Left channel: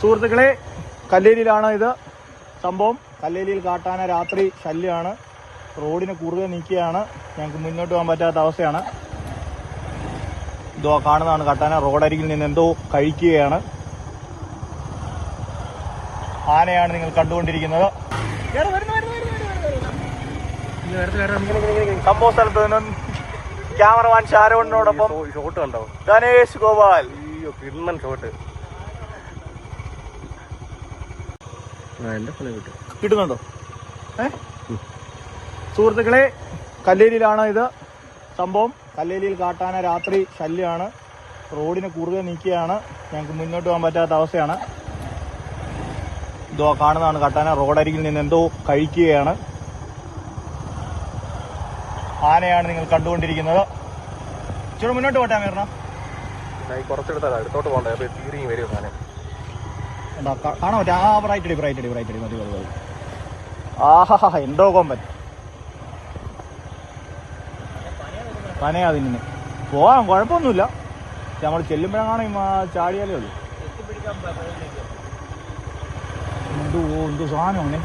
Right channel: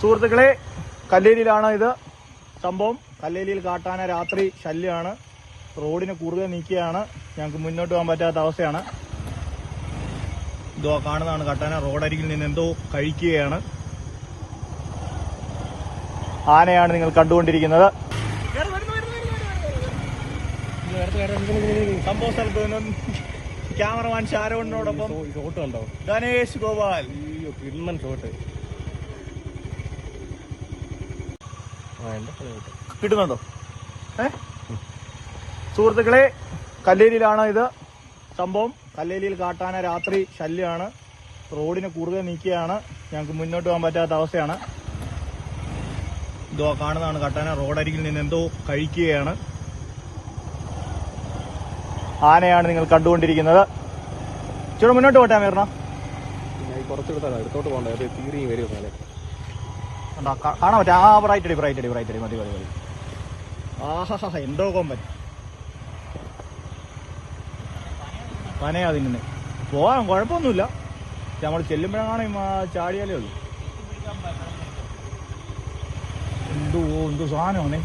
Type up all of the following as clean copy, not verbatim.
സുഹൃത്തുക്കളെ, കല്ലേരിയിലാണ് ഇത് സംഭവം. കല്ലേരിയിൽ കാട്ടാന രാത്രി ശല്യമാണ്. റോഡിന് കുറുകെ നീക്കിയാണ്. ഞങ്ങൾക്ക് മുന്നോട്ട് പോകാൻ പറ്റാത്ത അവസ്ഥയാണ്. ഇതോ കാണുന്നതാണ് കാട്ടാന. റോഡരികിൽ നിന്ന് എന്തോ കഴിക്കുകയാണ്. ആനയാണ് നിങ്ങൾ കണ്ടുകൊണ്ടിരിക്കുന്നത്. സംഭവ സ്ഥലത്ത് നിന്നും ക്യാമറമാൻ ഷാരോണിനോടൊപ്പം ഷോട്ട് കണ്ടോ? ഗണേഷ് ഗോപാൽ. കിണ്ണൻ ഷോട്ട് കിട്ടുന്നുണ്ടോ? സുഹൃത്തുക്കളെ, കല്ലേരിയിലാണ് ഇത് സംഭവം. കല്ലേരിയിൽ കാട്ടാന രാത്രി ശല്യമാണ്. റോഡിന് കുറുകെ നീക്കിയാണ്. ഞങ്ങൾക്ക് മുന്നോട്ട് പോകാൻ പറ്റാത്ത അവസ്ഥയാണ്. ഇതോ കാണുന്നതാണ് കാട്ടാന. റോഡരികിൽ നിന്ന് എന്തോ കഴിക്കുകയാണ്. ആനയാണ് നിങ്ങൾ കണ്ടുകൊണ്ടിരിക്കുന്നത്. ഇച്ചിരി മുന്നോട്ട് പോട്ടെ അമീറിന. കുറച്ചെടുത്താൽ അടുത്തോട്ട് പോകണ്ടേ? തീരിയും വരും സാധനം കാണാൻ പറ്റും. ആ ബ്രൈറ്റ് മതി മതി മതി. ആഹാ, എന്തോ കൊമ്പൻ. പനയാ തിന്നുന്നത്. പോവാം, കുഴപ്പമൊന്നുമില്ല. നമ്മൾ ചെല്ലുമ്പോഴാണ് ചാടിയാലേ ഉള്ളൂ. എന്തോ സാധനമാണ്.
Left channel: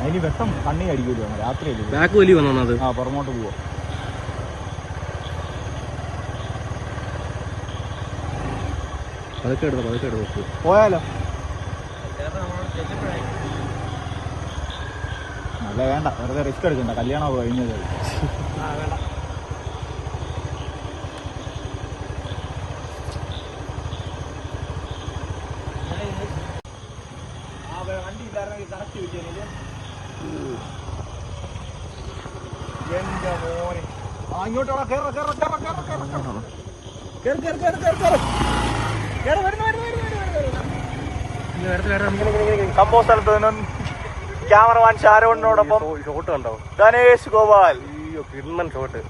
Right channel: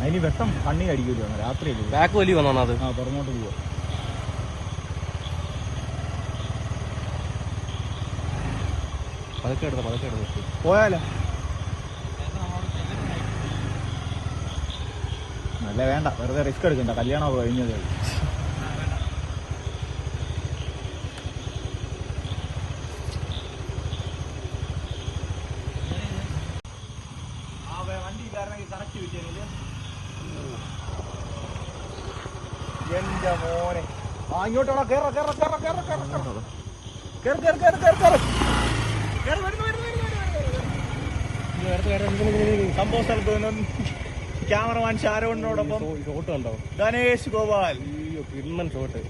അതിന് വെട്ടം കണ്ണി അടിക്കുമല്ലോ. രാത്രി അല്ലേ? ആ, പുറമോട്ട് പോവാ. പോയാലോ? അല്ല, വേണ്ട, വെറുതെ റിസ്ക് എടുക്കണ്ട. കല്യാണം കഴിഞ്ഞത്. വണ്ടി ഇല്ലായിരുന്നെങ്കിൽ കണക്ട് കിട്ടിയത്. എന്റെ മോനെ. ഇങ്ങോട്ടോ സംഭവ സ്ഥലത്ത് നിന്നും ക്യാമറമാൻ ഷാരോണിനോടൊപ്പം ഷോട്ട് കണ്ടോ? ഗണേഷ് ഗോപാൽ. കിണ്ണൻ ഷോട്ട്